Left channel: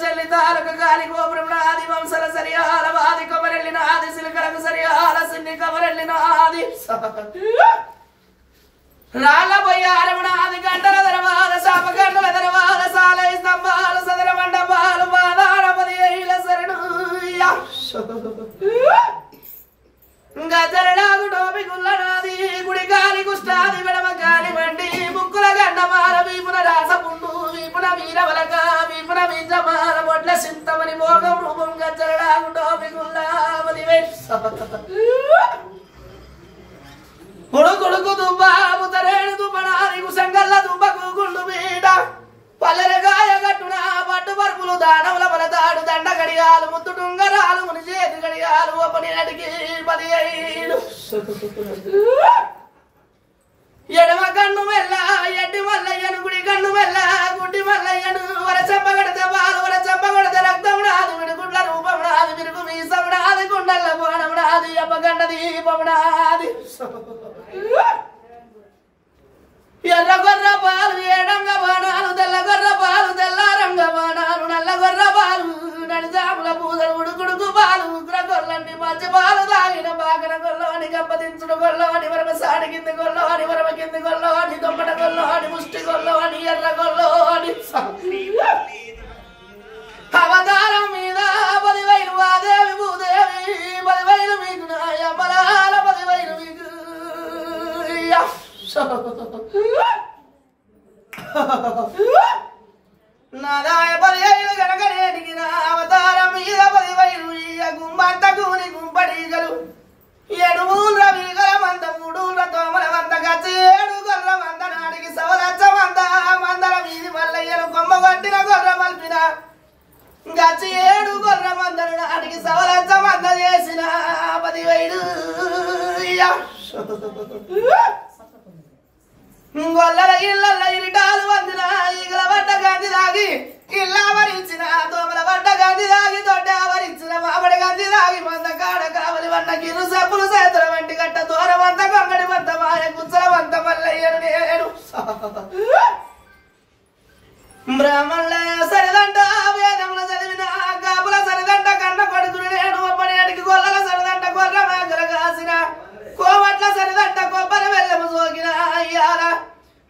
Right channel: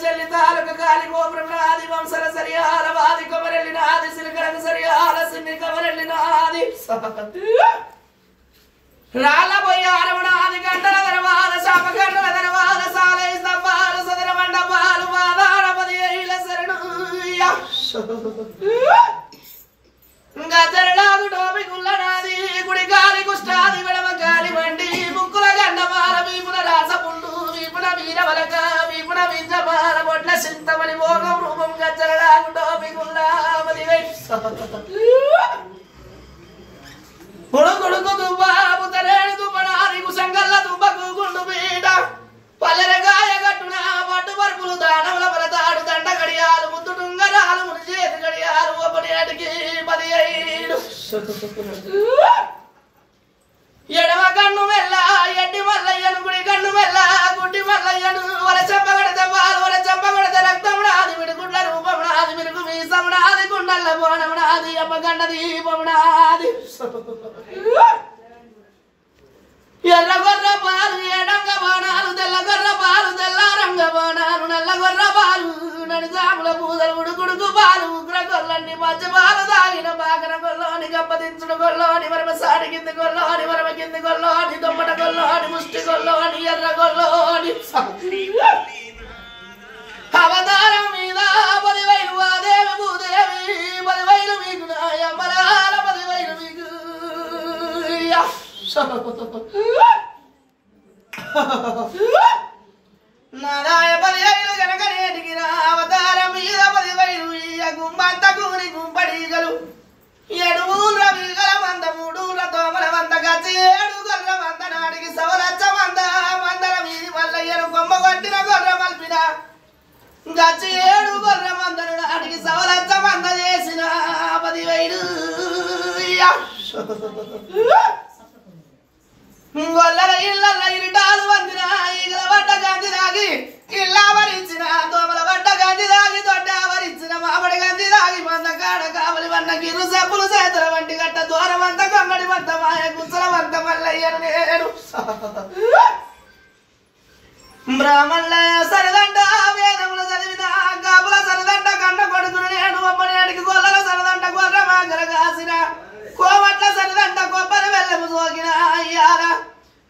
చెల్లి తాలక గాలి గోపురం నాది వంశల సరియాల వాది కొమరెల్లినాది సిలికలకు సరియాల సిన్ని కొమరెల్లినాది రాళ్ళ పోయి అరవనాది గంటల దరవాల శాప గంటల దరవాల సాలై స్తంభాలు సదర మండపాలు మాదారపది ఏళ్ళ శరణు గజరనాదు డోబి గుల్లనాది గుడి గాలి కుష్టాది విడమ గాలి వండి ముక్కుల గండమాల వీపున రాసపుండు వీపున వీరవలక వీపున వీజమాల బొడ్ల సింతమని మోగం రూపం గజరనాదు డోబి గుల్లామది కొడుకు దుబ్బా ముతరేణి దుబ్బనాది కుసంగల్ల దుబ్బకు గుండు బీడ పల్లెరగాయ గట్టున పట్టు పరుపులు దానవుల బలదాడు దండ గడియాలు ముద్దు టుంగరాలు ముని చేతి గడియాలు అప్పటి నాటికి 15 ఎడమ కన్ను మెల్ల ఎడ్డి మల్లయ్యను గుడి కన్ను మెల్ల గుడ్డి మల్లయ్యను వల చెంపగడతే బాలు వల చెంపగడతే రక్తం నాది విడుగుడ్ల రూపం నాది విరుగు మీసం నాది గుండెల్ల బోనం నాది అప్పగండ దీపం నాది ఎర్ర గొర్ర పాలు ఏడంగ బాణాలు తెల్ల గొర్ర పాలు తెల్లారంగ బాణాలు నల్ల గొర్ర పాలు నడిజాముల పూదలు ఉడుకుడుకు పాలు ఉగ్ర గొల్లండి మంచి పాలు తాగిన బాగన గొల్లోని గంపదించుడు గొల్లోని వరమ సాడి కింది గొల్లోని వరమ కింది గొల్లోని దొమ్మట గొల్లోని ముష్టి గొల్లోని ఎర్ర గొల్లోని అవతారం మీద 10,000 ఆదేవి భూదేవి 10,000 మీకు నాయమలాల 10,000 మీకు నారాయ 10,000 గనగనేటికి అవతారం మీద 10,000 గుమ్మంత కూని గుంపడీగలు 7 ఊళ్ళ వీగల మంద 3 ఊళ్ళ తోమల మంద గచ్చి 7 గొర్ర మంద నాటికి సవలచ్చ మంద మందల వీధి మల్లయ్యను కొమ్మ కొట్టిన గొర్ర మల్పిన గచ్చి 7 గొర్ర మందను నాటికి సవలచ్చ మంద చేసిన 10,000 గొల్లల ఇళ్ళ ఇరిటాలు వందిన ఈగల వడ్డ గంది దాగి ఇళ్ళ వరించిన దోమల వడ్డ గంది దాగి దొడ్డ వరించిన మామిడి గంది దాగి మంద కాడ కావలి వన్న గిరు సబ్బులు చేతుల వంటి గట్ట దూరమంత కొంగడి వంత మాయ గుచ్చల వంత మల్లయ్యను నేడు బ్రాహ్మణుల సరిదంట వేదములు చదివిన కాపుల సరిదంట కన్న కొడుకును నేను ఒప్పనేటికి గొల్లల సరిదంట గొర్ర మాగల కాసిన కోవట్ల సరిదంట కొబ్బరి వెళ్ళము సోకిన అయ్యాల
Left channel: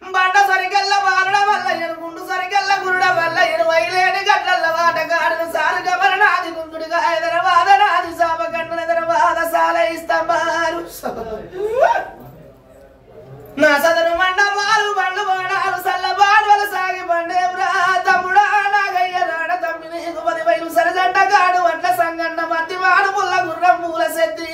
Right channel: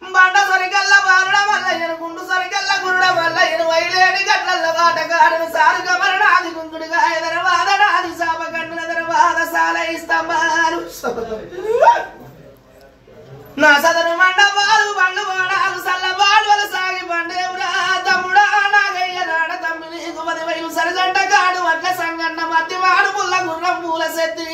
బండ సరికల్ల బారుడ మల్లయ్యను గుండు సరికల్ల గురుడ మల్లయ్యను వైలేని గట్ల వాటగాడును సారు కమరనాది గుంగుడిగా ఎదరవాద నాది శాప గండున ఎదరవాద సాలై స్తంభాలు నా సదరు మండపాలు బండ్లు బాణాలు సల్ల బాణువల సాగి బండేవురా తమ్ముడా నాగయ్య నాడ తమ్మి నీకు 10,000 సరజంట కాడు అట్ల సంగండ మధ్య మాడు పుల్ల గుర్రం పూల సెత్తి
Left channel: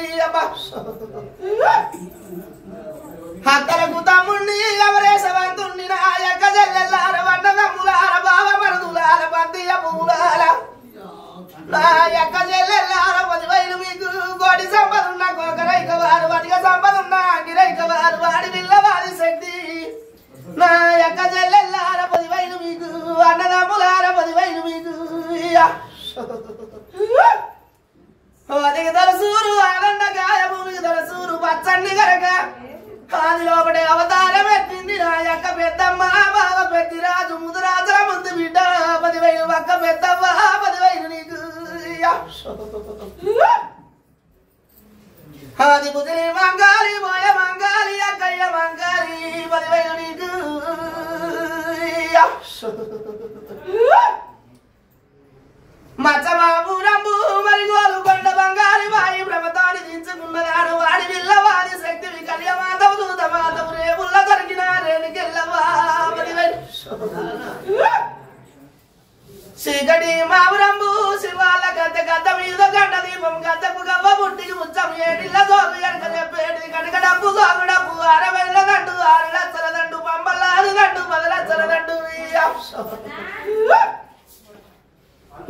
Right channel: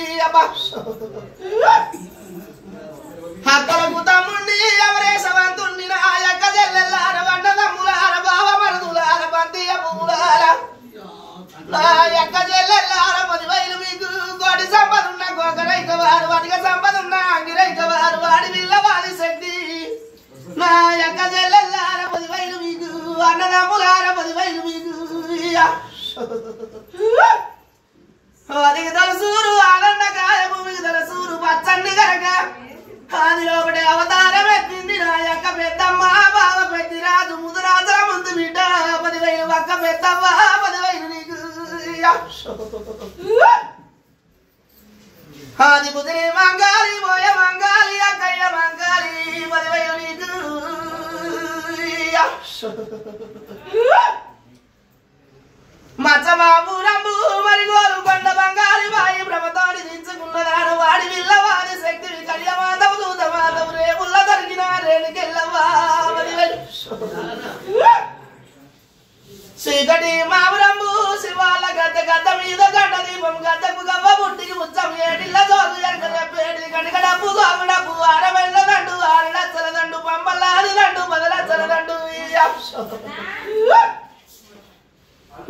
హక్కలకు తమ్ముండి ఎవరేసవంతుండి నా యొక్క చెల్లెల్లార వంట తమ్ములార బావ మరుదులార బంతియ పూలార నా యొక్క చెల్లెల్లార 10,000 మీకు కోటి సంపదున్న కోకరైక వారు వడిగ సంపదున్న అంగిరైక వారు వాడి విల్లవాది శక్తి నా యొక్క చెల్లెల్లార 10,000 మీకు అన్నదమ్ములార 10,000 మీకు అదికి తలసూరు ఆనందకాయ భూమికి తలసూరు పచ్చండి గనక కాని లోపడే అవతారం ఎత్తింది నా యొక్క పెద్దమ్మ బావ పెద్దిరాజు ముదురాజుల ముందు బిడ్డ 10,000 పక్క పెద్దమ్మ 10,000 నీకు ఆది ముదిరి మంగాలి పోయ మంగాలి అక్కయ్య మంగాలి 10,000 నీకు మచ్చబాబు రంబు మరిగోలు కొండ బంగారి వాయి ప్రభుత్వాన్ని దించుకున్నదాడు వాడి విల్లవాది శక్తివి కళ్యమాధవు దూతమాధవు రేపుల్ల దొరికిన రేణుకెళ్ళవా 10,000 చీకటి మావురంబు శివాల గద్దె గద్ద మీద గడ్డ దీపం గద్దకు గవ్వ బుట్టికి ముచ్చం ఏడిల్ల జోలు ఎరకలేపేడి కనుక డబ్బు సోగు డబ్బు 60 దండు 6 లక్షల దండు పంపల్లాది దండు 10 లక్షల దండు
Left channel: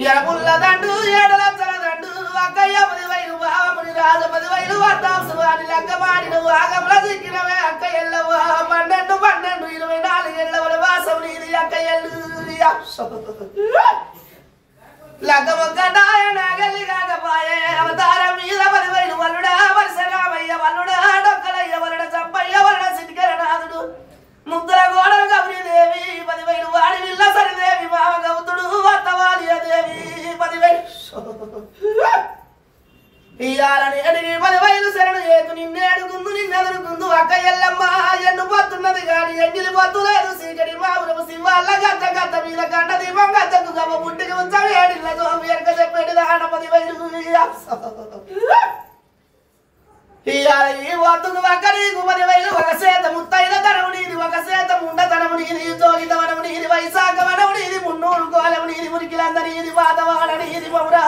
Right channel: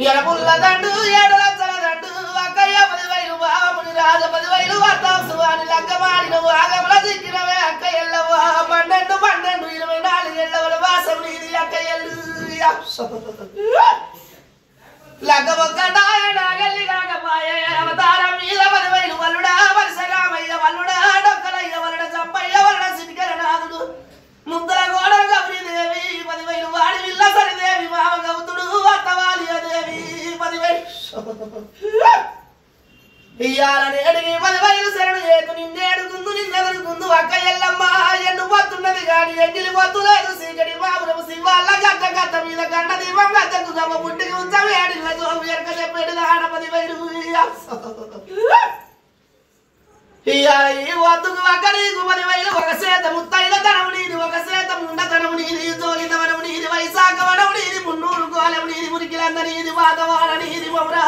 ఎరపుల్ల దండు 7 లక్షల దండు అక్కయ్య 10,000 బావముని రాజ 10,000 వర్తాసు వారి లగ్గమాడిన ఆగముల దిక్కినవే అక్కయ్యల్లవా 12 24 ఏళ్ళ వాసం నీది అక్కయ్యల్లు లగ్గ ఒక్కటాయ నాగల్లి కాకపాయే అవతారం మీద 10,000 వల్లుడా వరుసరామయ్య వల్లుడా డొక్కలయ్య వల్లుడ చంపయ్య వల్లుడ సిటికరనాథుడు ముద్దుల గోడలు గౌరీదేవి 10,000 వాడి విల్ల సరిదేవి మామ గౌతుడు అత్తవ ఇయ్యాలని అడిగి 10,000 శరణు ఏదు నిన్నే అడుగుందు నిన్నెదురుకుందు అక్క ఎల్లమ్మ ఎండు పోతున్నది కానీ ఎంగిలి పోతులేదు సీకటి మాపురము శివాళ్ళ గట్ట గట్ట మీద గంట దీపం గద్దకు గమ్మ పుట్టికి ఉంచాము ఏడిళ్ళ జోము ఎరక చెప్పేది దాన 10,000 ఇయ్యాల ఈ వద్దుకు ఒక్క నీకు 10,000 ఒక సేత ముత్తైన తనము నీది ఒక సేత ముండ తనము నీది జోగిత వనము నీది వైశాఖ వనము నీది మున్నూరు కోలము నీది మురికిలంద నీది వాతవాడ నీది మౌరా